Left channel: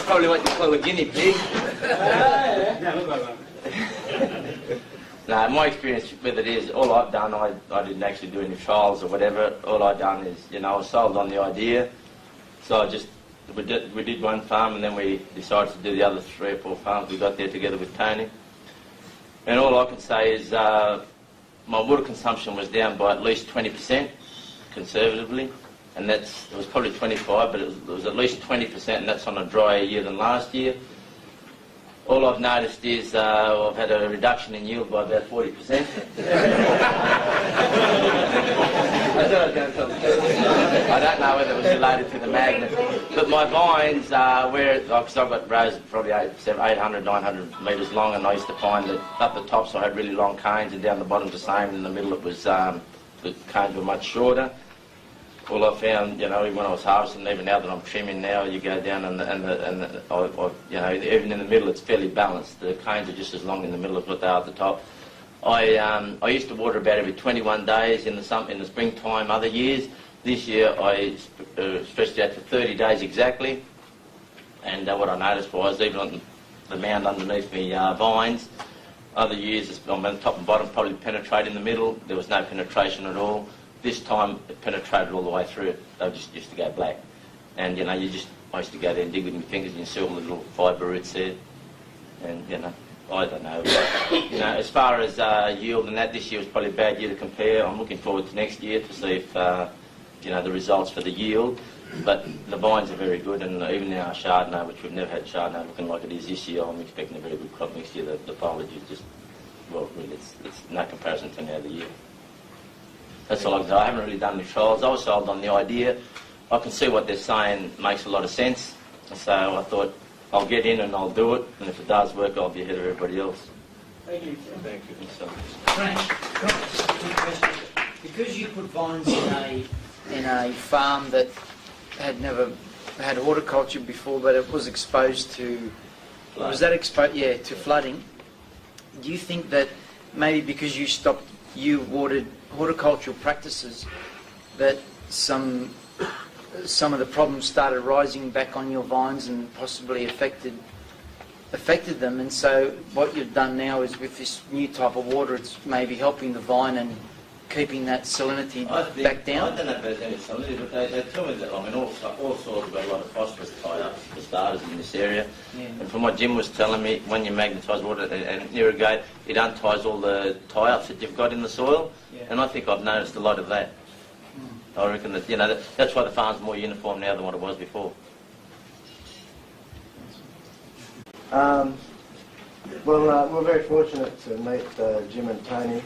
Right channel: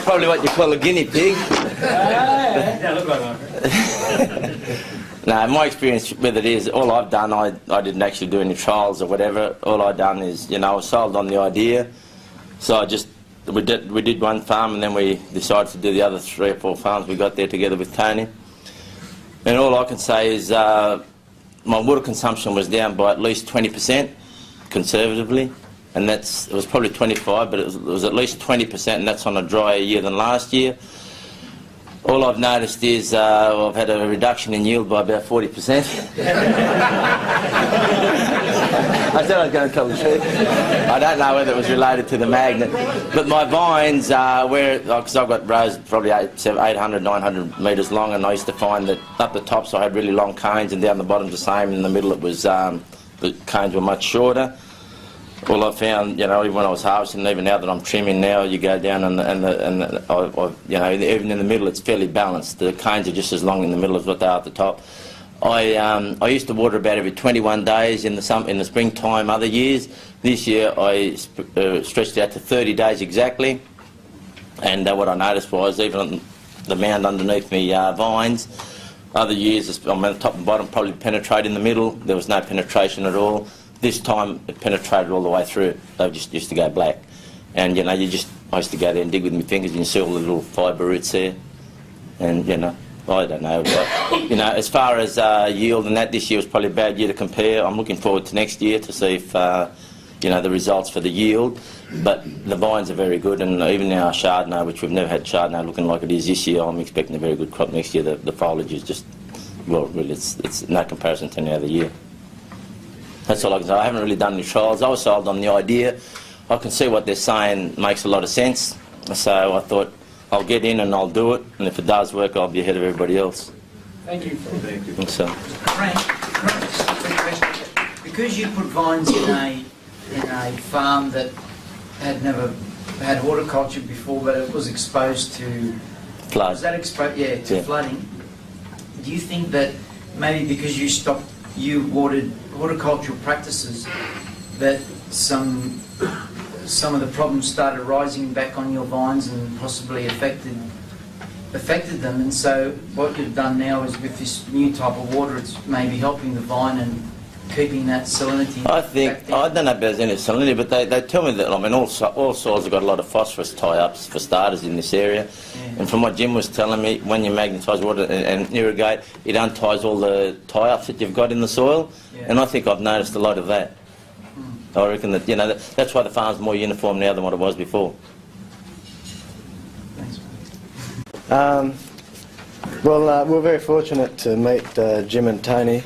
I'm probably what you call a guinea pig. Yeah, look like that. No, my experience with it is, all I've done, I didn't actually do any trials or whatever. All I've done is, you know, I was sold on the idea. So we did one farm, and then we decided to do the other 3 or 4 farms we got there together with Tony. And all I can say is my water consumption was down by at least 20%, conservatively. And it was probably 25, but it was at least 20%, and that's on a drier year than last year. All I've noticed is I've had a reduction in yield by about 40%. I said I was going to tell the truth. I don't know whether it was related to the magnet, but my vines, because I've got rows probably 800, 900 metres long, and I used to find that up the tops I had really long cones, and down the bottom the same, and in the middle it was, the cones were much shorter. Well, I found, you know, even when I was harvesting, even now that I'm trimming now, you go down and you know, even in the middle it's fairly balanced. The cones are just as long in the middle as what they are at the top. I used to water about every 21 days in the springtime other years. This year I stretched out to 30 days exactly, and what I noticed was even the mound underneath me vines, other years on the top and bottom probably penetrate in the middle, there was no penetration at all. This time it penetrated all the way through. They just used to go black. And, you know, I used to go there and dig with my fingers, and you see all the little fibre roots there. And, you know, I don't know. But, you know, as far as yield and that, this year was probably a bad year to compare. I'm looking forward to next year to see if, you know, the results for the yield. But the vines are very good, and even now our Chardonnay, which we've never had Chardonnay looking like it is this year, I'm expecting a very good crop next year. The foliage is just, well, really, it's no comparison to any other year. That's all I can say. I haven't really done any trials. I was sold on the idea. I can see what they're saying makes a lot of sense. So I thought I'll get in and I'll do it. And if it does work, I'll be ahead of everybody else. Thank you. Thank you. So. Frank, two questions. Because you put vines in a farm that had never had horticulture before, but it was exposed to flood. Was that exposed? Yeah, to flooding. Do you think that maybe because you watered horticultural practices, that some of the problems started rising back on your vines and possibly affected them, and so what you've done now is with this new type of water, it's maybe helping the vine and keeping that salinity back down? I don't know if there's any salinity, but they tell me that, I mean, all soils have got a lot of phosphorus tie-ups for starters in this area. Yeah. And from what Jim was telling me, when you magnetise water and irrigate, it unties all the tie-ups that you've got in the soil. Yeah. And I think I've noticed a lot of that. I reckon that, you know, that's why the farm's more uniform now than what it was before. Thanks. We're very fortunate to meet Jim and Tony.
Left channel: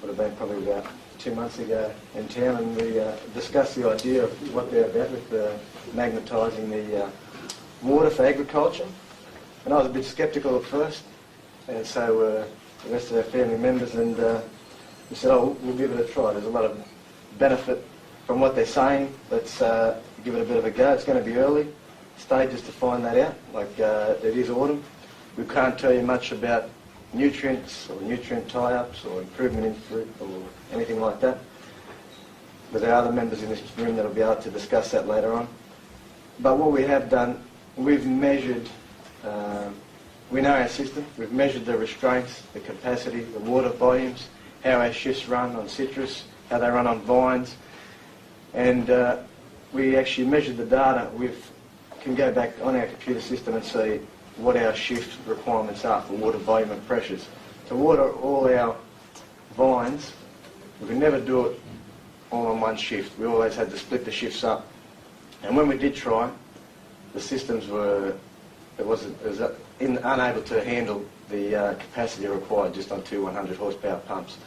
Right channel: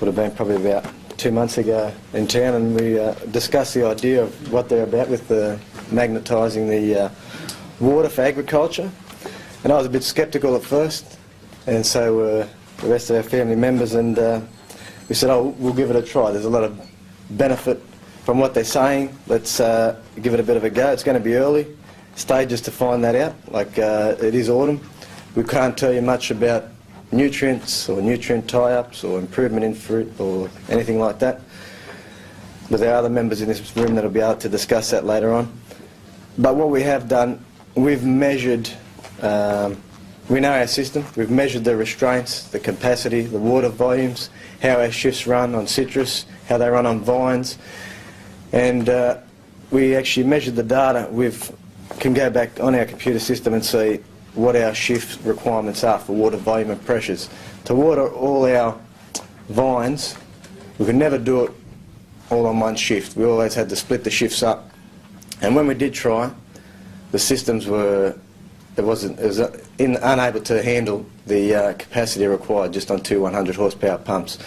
Would have been probably about 2 months ago in town, and we discussed the idea of what they're about with magnetising the water for agriculture. And I was a bit sceptical at first, and so the rest of our family members, and we said, oh, we'll give it a try. There's a lot of benefit from what they're saying. Let's give it a bit of a go. It's going to be early stages to find that out, like it is autumn. We can't tell you much about nutrients or nutrient tie-ups or improvement in fruit or anything like that. But there are other members in this room that will be able to discuss that later on. But what we have done, we've measured, we know our system, we've measured the restraints, the capacity, the water volumes, how our shifts run on citrus, how they run on vines, and we actually measured the data. We can go back on our computer system and see what our shift requirements are for water volume and pressures. To water all our vines, we could never do it all on one shift. We always had to split the shifts up. And when we did try, the systems were, unable to handle the capacity required just on 2 100 horsepower pumps.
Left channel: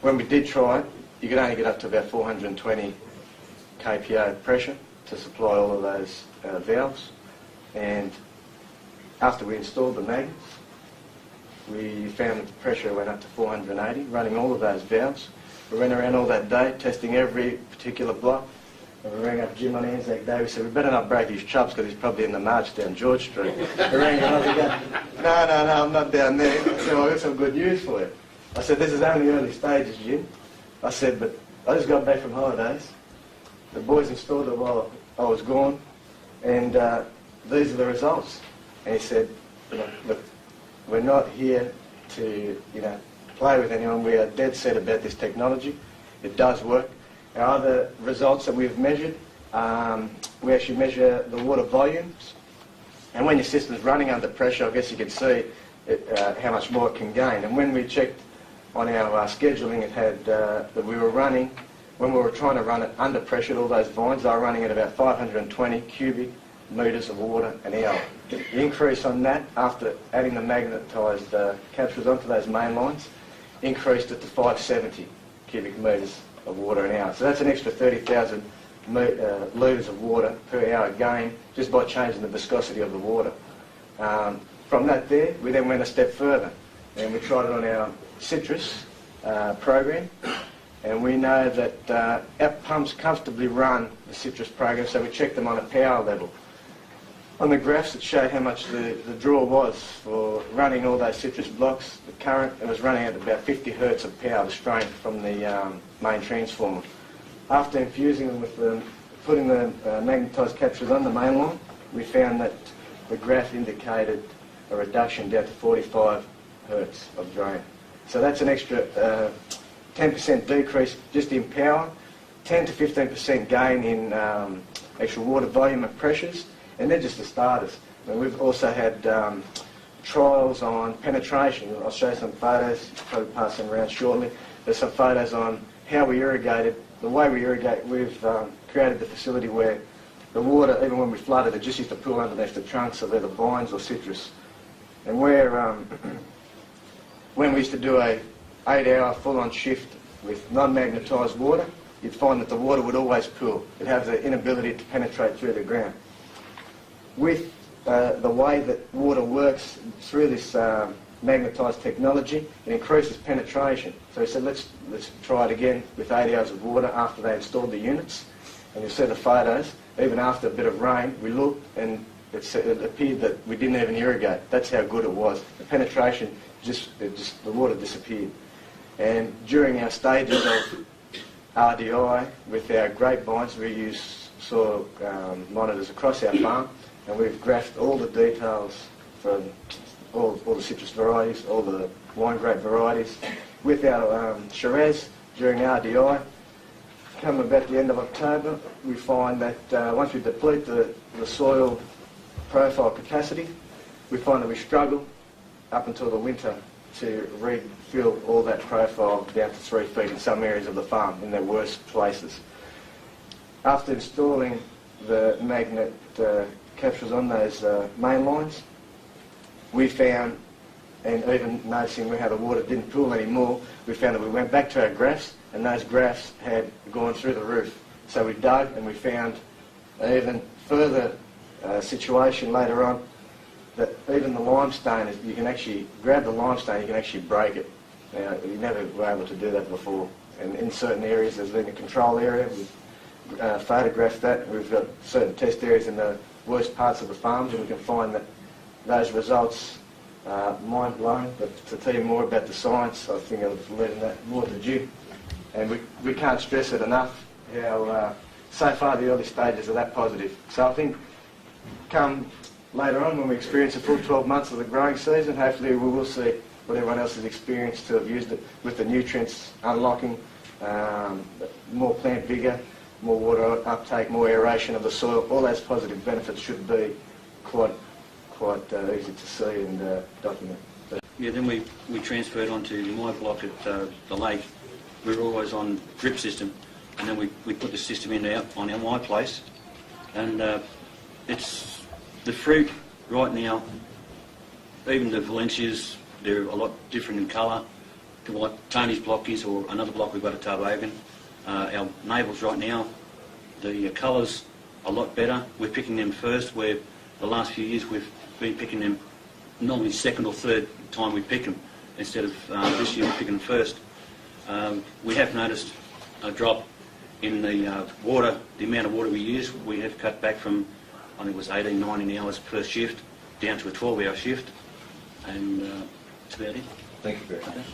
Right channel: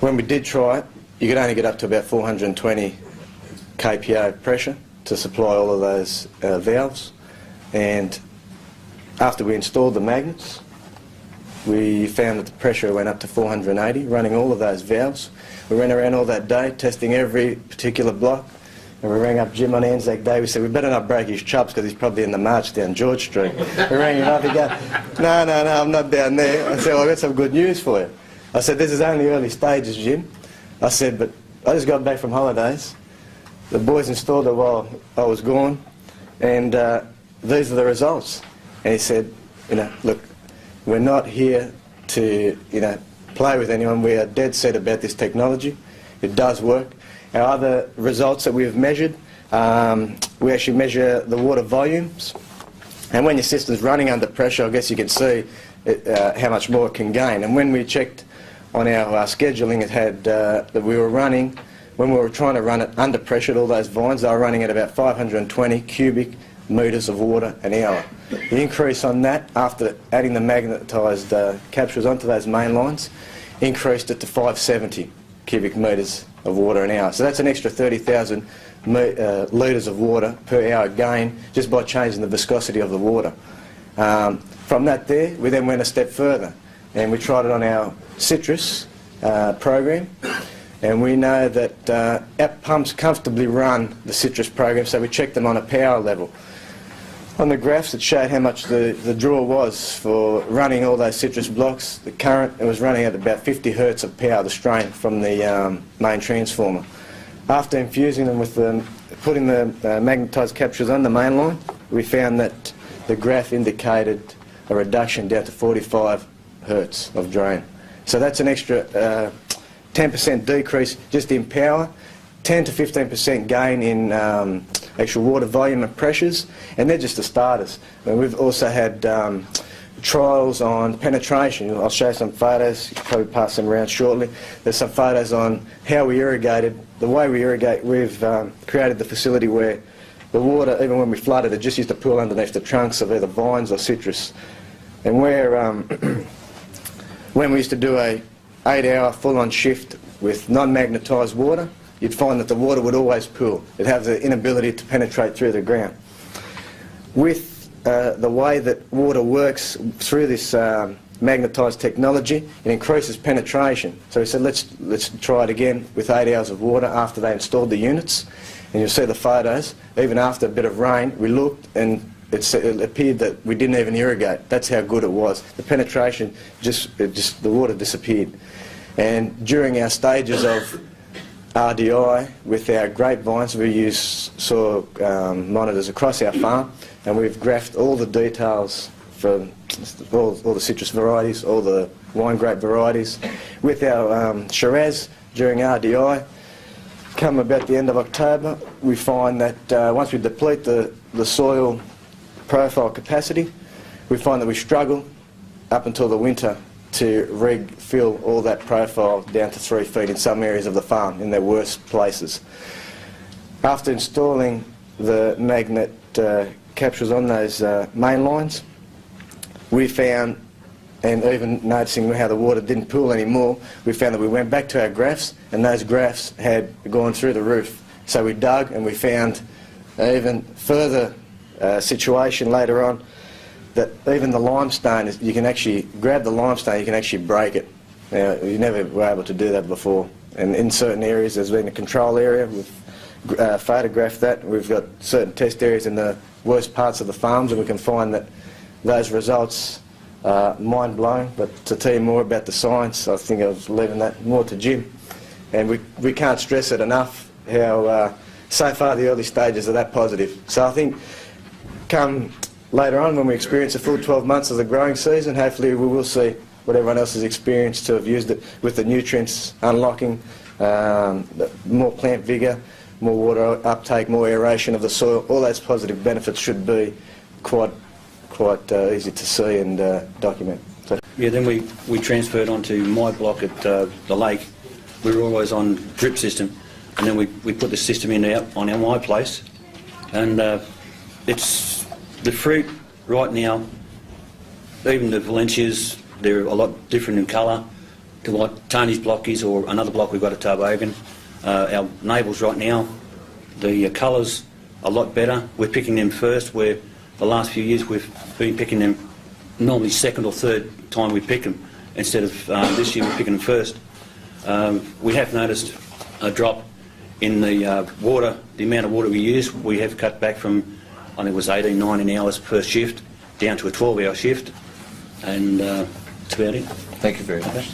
When we did try it, you could only get up to about 420 kPa pressure to supply all of those valves. And after we installed the magnets, we found that the pressure went up to 480, running all of those valves. We ran around all that day, testing every particular block, and we rang up Jim on Anzac Day. We said, we better not break his chops because he's probably in the march down George Street. We rang him up and go, no, I'm not down there. I said, well, I've got some good news for you. I said, this is only early stages, Jim. I said, but I just got back from holidays. The boys installed it while I was gone, and these are the results. And he said, you know, look, we're not here to, you know, play with anyone. We are dead set about this technology. It does work. Our other results that we've measured, we actually measure the water volumes. And when your system's running under pressure, I guess you can see how much more it can gain. And when we checked on our scheduling, it had that we were running, when we were trying to run it under pressure, all those vines, they were running at about 520 cubic metres of water an hour. The increase on that, after adding the magnetised capsules onto those main lines, increased it to 570 cubic metres of water an hour. So that's an extra 30,000 litres of water per hour gain just by changing the viscosity of the water. From that there, we then went a step further and we tried it on our citrus program, and we know that our pumps comfortably run the citrus program, so we checked them on a power level. On the graphs it showed how much the draw was for running all those citrus blocks. The current, it was running at about 50 hertz of power, the strain from the main transformer. After infusing them with putting the magnetised capsules on the main line, we found that the graph indicated a reduction down to 45 hertz of drain. So that's an extra 10% decrease just in power, 10 to 15% gain in actual water volume and pressures, and they're just the starters. And we've also had trials on penetration. I'll show some photos, you can probably pass them around shortly. There's some photos on how we irrigated. The way we irrigate, we've created the facility where the water, even when we flooded, it just used to pool underneath the trunks of either vines or citrus. And where, when we used to do a 8-hour full-on shift with non-magnetised water, you'd find that the water would always pool. It'd have the inability to penetrate through the ground. With the way that water works through this magnetised technology, it increases penetration. So we said, let's try it again with 8 hours of water after they installed the units. And you'll see the photos. Even after a bit of rain, we looked and it appeared that we didn't even irrigate. That's how good it was. The penetration, the water disappeared. And during our stages of RDI with our grapevines, we use soil monitors across our farm, and we've graphed all the details from all the citrus varieties, all the wine grape varieties. With our Shiraz during RDI, come about the end of October, we find that once we deplete the soil profile capacity, we find that we struggle up until the winter to refill all that profile down to 3 feet in some areas of the farm, in their worst places. After installing the magnet capsules on those main lines, we found, and even noticing how the water didn't pool anymore, we found that we went back to our graphs, and those graphs had gone through the roof. So we dug and we found an even further situation later on, that even the limestone, you can actually grab the limestone, you can actually break it. Now, you never were able to do that before. And in certain areas, there's been a control area, we've photographed that. We've got certain test areas in the worst parts of the farms, and we can find that those results are mind-blowing. But to tell you more about the science, I think I was leaving that more to Jim. And we can't stress it enough how so far the early stages are that positive. So I think come later on, when we experience a full 12 months of the growing season, hopefully we will see what everyone else has experienced, to have used it with the nutrients unlocking, more plant vigour, more water uptake, more aeration of the soil. All those positive benefits should be quite easy to see and document. So. Yeah, then we transferred onto my block at the lake. We were always on drip system, and then we put the system in on my place, and it's the fruit right now. Even the Valencias, they're a lot different in colour to what Tony's block is, or another block we've got at Tarbogan. Our neighbours right now, the colours are a lot better. We're picking them first, where the last few years we've been picking them normally second or third time we pick them, instead of this year we're picking them first. We have noticed a drop in the water, the amount of water we use. We have cut back from, I think it was 18, 19 hours per shift down to a 12-hour shift, and that's about it. Thank you very much.